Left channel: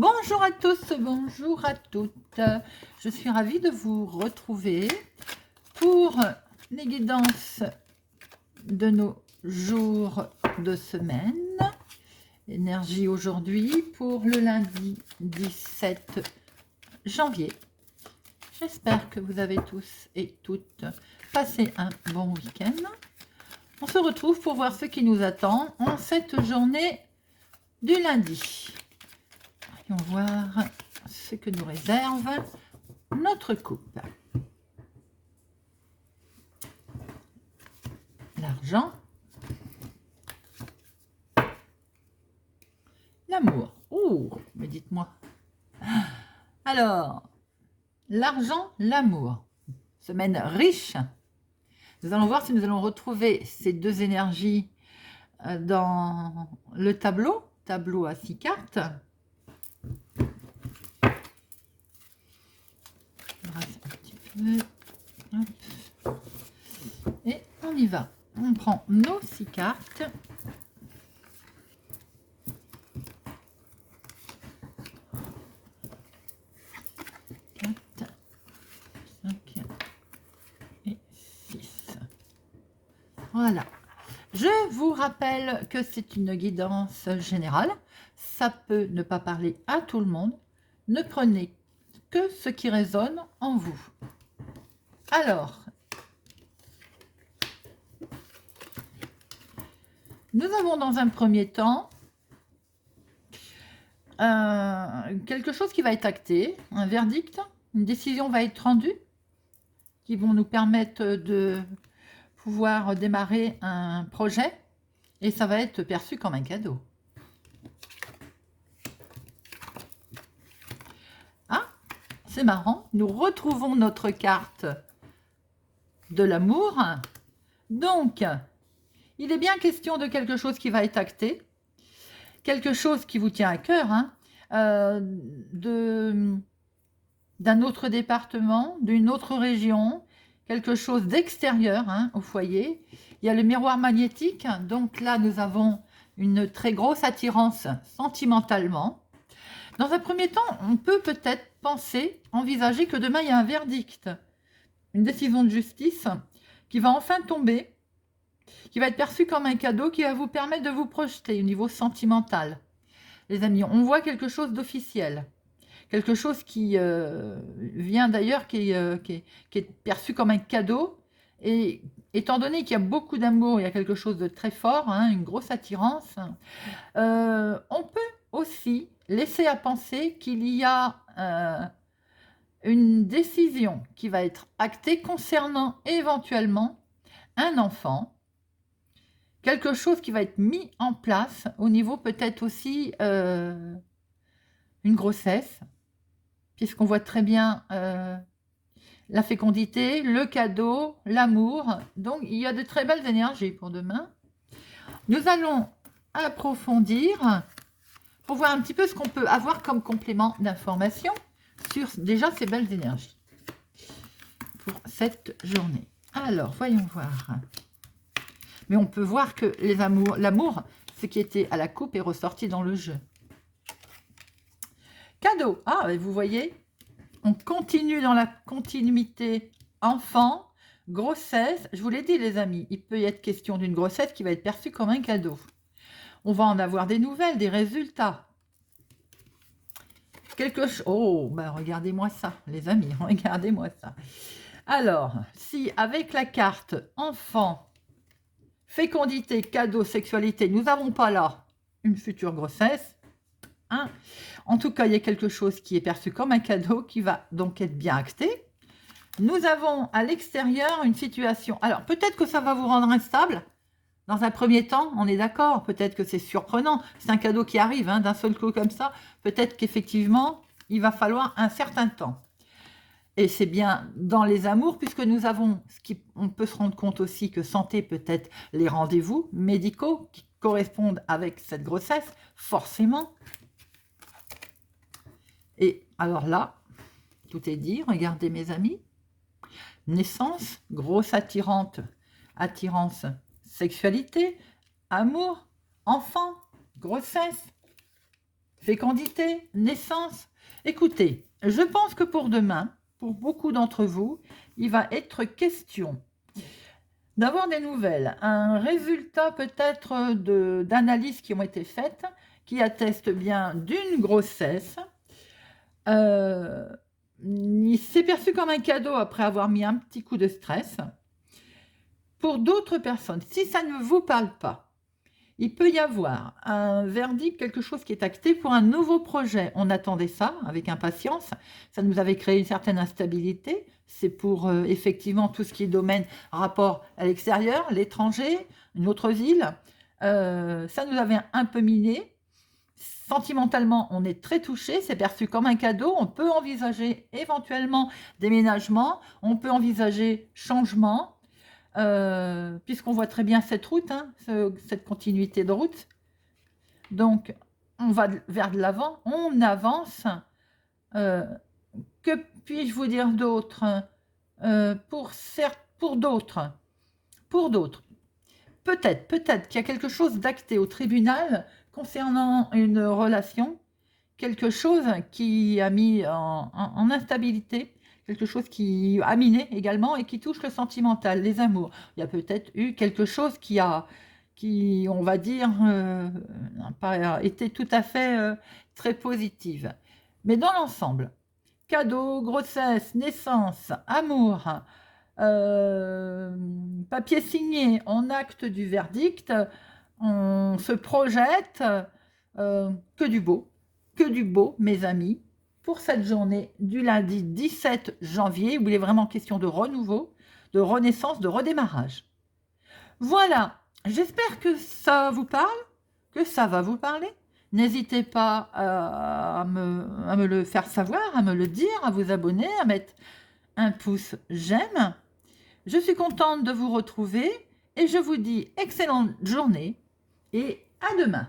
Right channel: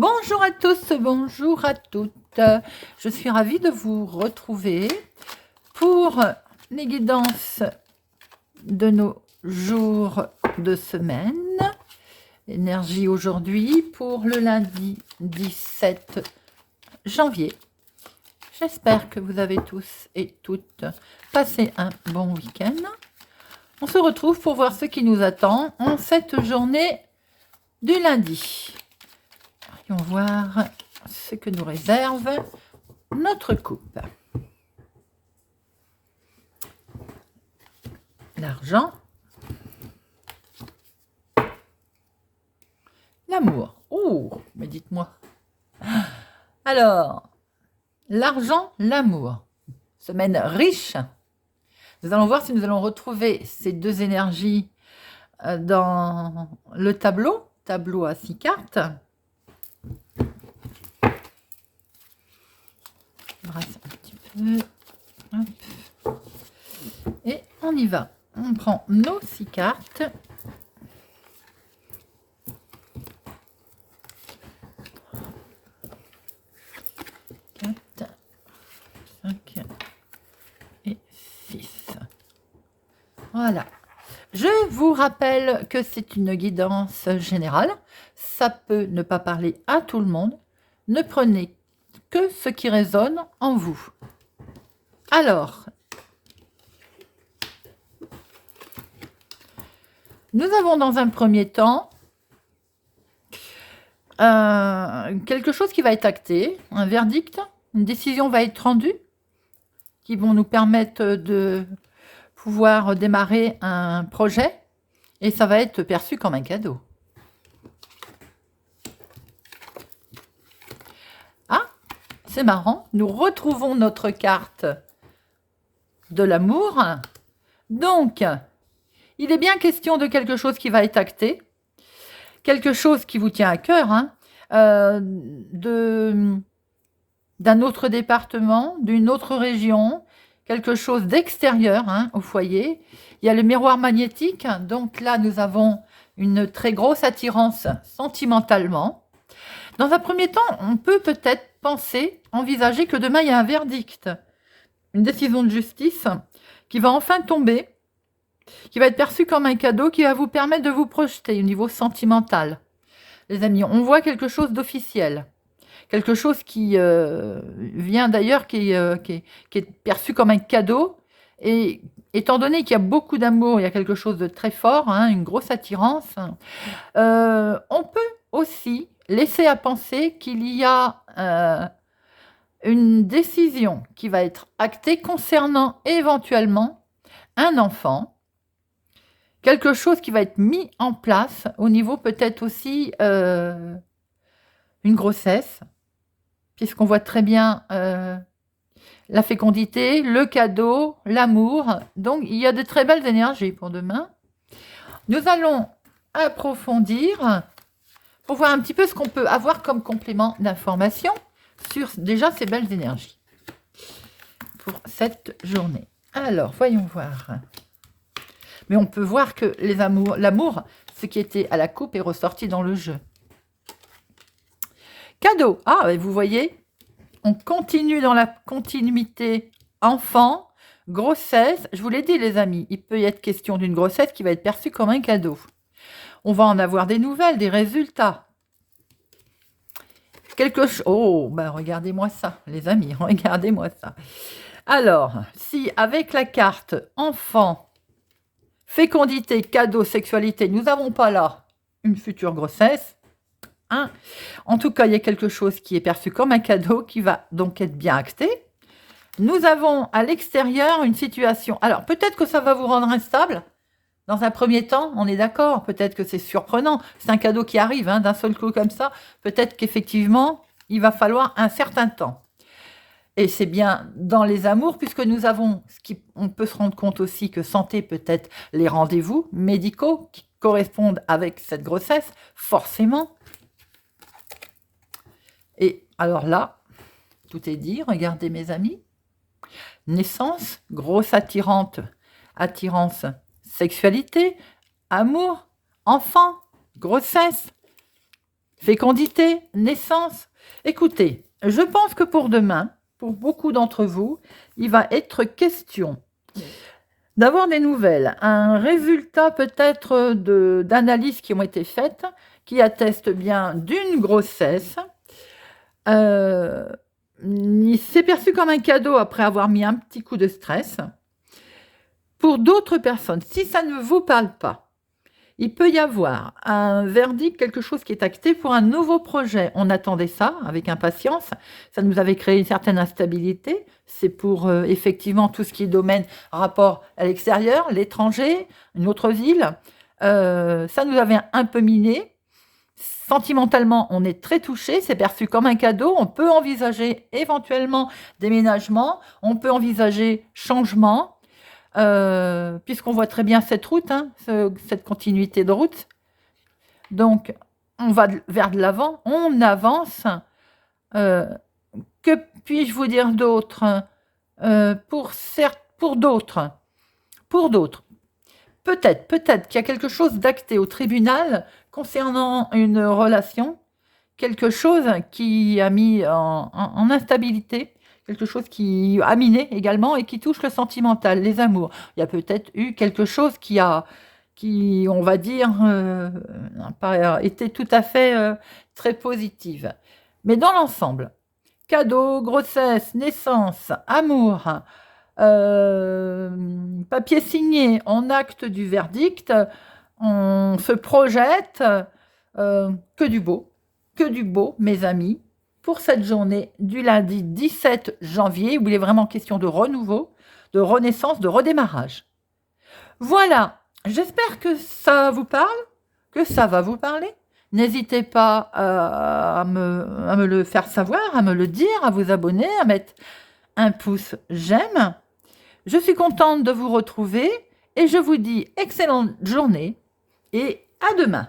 Bonjour à tous, bonjour à toutes. Je suis ravie de vous retrouver pour les guidances de nos jours de semaine. Énergie aujourd'hui pour le lundi 17 janvier. J'espère que vous avez tous et toutes passé un bon week-end. On se retrouve pour voir ce qui nous attend en cette journée du lundi. Allons voir ce que nous réserve notre coupe. L'argent. L'amour. Oh, mais dites-moi. Alors, l'argent, l'amour. Semaine riche. Nous allons voir si nous allons retrouver ces deux énergies dans le tableau. Tableau à 6 cartes. Un petit peu. Hop. Et on y va. On prend nos 6 cartes. 4, 5 et 6. Voilà. Je vous rappelle que c'est une guidance générale. Ça peut ne pas parler à tout le monde. Ne prenez que ce qui résonne en vous. Alors, nous avons dans un premier temps quelque chose qui va être acté, un verdict, une décision va être rendue qui vont nous permettre de pouvoir démarrer un projet et ça va être perçu comme un cadeau. Ah, c'est marrant, nous retrouvons notre carte de l'amour. Donc, il est bien question de quelque chose qui va être acté, quelque chose qui vous tient à cœur, hein, d'un autre département, d'une autre région, quelque chose d'extérieur hein, au foyer. Il y a le miroir magnétique, donc là nous avons une très grosse attirance sentimentalement. Dans un premier temps, on peut peut-être penser, envisager que demain il y a un verdict, une décision de justice qui va enfin tomber, qui va être perçu comme un cadeau qui va vous permettre de vous projeter au niveau sentimental. Les amis, on voit quelque chose d'officiel, quelque chose qui vient d'ailleurs, qui est perçu comme un cadeau. Et étant donné qu'il y a beaucoup d'amour, il y a quelque chose de très fort, hein, une grosse attirance, on peut aussi laisser à penser qu'il y a une décision qui va être actée concernant éventuellement un enfant, quelque chose qui va être mis en place au niveau peut-être aussi une grossesse, puisqu'on voit très bien la fécondité, le cadeau, l'amour. Donc, il y a de très belles énergies pour demain. Nous allons approfondir pour voir un petit peu ce qu'on peut avoir comme complément d'information sur déjà ces belles énergies pour cette journée. Alors, voyons voir. Mais on peut voir que l'amour, ce qui était à la coupe, est ressorti dans le jeu. Cadeau. Ah, vous voyez, on continue dans la continuité enfant, grossesse. Je vous l'ai dit, les amis, il peut y être question d'une grossesse qui va être perçue comme un cadeau. On va en avoir des nouvelles, des résultats. Quelque chose... Oh, ben regardez-moi ça, les amis, regardez-moi ça. Alors, si avec la carte enfant, fécondité, cadeau, sexualité, nous n'avons pas là une future grossesse, hein. En tout cas, il y a quelque chose qui est perçu comme un cadeau qui va donc être bien acté. Nous avons à l'extérieur une situation. Alors, peut-être que ça va vous rendre instable. Dans un premier temps, on est d'accord. Peut-être que c'est surprenant. C'est un cadeau qui arrive hein, d'un seul coup comme ça. Peut-être qu'effectivement, il va falloir un certain temps. Et c'est bien dans les amours, puisque nous avons, on peut se rendre compte aussi que santé peut-être les rendez-vous médicaux qui correspondent avec cette grossesse, forcément. Et alors là, tout est dit, regardez mes amis. Naissance, grosse attirance, sexualité, amour, enfant, grossesse. fécondité, naissance. Écoutez, je pense que pour demain, pour beaucoup d'entre vous, il va être question d'avoir des nouvelles, un résultat peut-être d'analyses qui ont été faites, qui attestent bien d'une grossesse. Il s'est perçu comme un cadeau après avoir mis un petit coup de stress. Pour d'autres personnes, si ça ne vous parle pas, il peut y avoir un verdict, quelque chose qui est acté pour un nouveau projet. On attendait ça avec impatience. Ça nous avait créé une certaine instabilité. C'est pour effectivement tout ce qui est domaine rapport à l'extérieur, l'étranger, une autre ville. Ça nous avait un peu miné. Sentimentalement, on est très touché. C'est perçu comme un cadeau. On peut envisager éventuellement déménagement. On peut envisager changement. Puisqu'on voit très bien cette route, hein, cette continuité de route. Donc, on va vers de l'avant, on avance. Que puis-je vous dire d'autre? Pour d'autres, peut-être qu'il y a quelque chose d'acté au tribunal concernant une relation, quelque chose qui a mis en instabilité, quelque chose qui a miné également et qui touche le sentimental, les amours. Il y a peut-être eu quelque chose qui on va dire, n'a pas été tout à fait très positive. Mais dans l'ensemble, cadeau, grossesse, naissance, amour, papier signé, on acte du verdict, on se projette, que du beau, mes amis, pour cette journée du lundi 17 janvier, où il est vraiment question de renouveau, de renaissance, de redémarrage. Voilà, j'espère que ça vous parle, que ça va vous parler. N'hésitez pas à me le faire savoir, à me le dire, à vous abonner, à mettre un pouce j'aime. Je suis contente de vous retrouver et je vous dis excellente journée et à demain.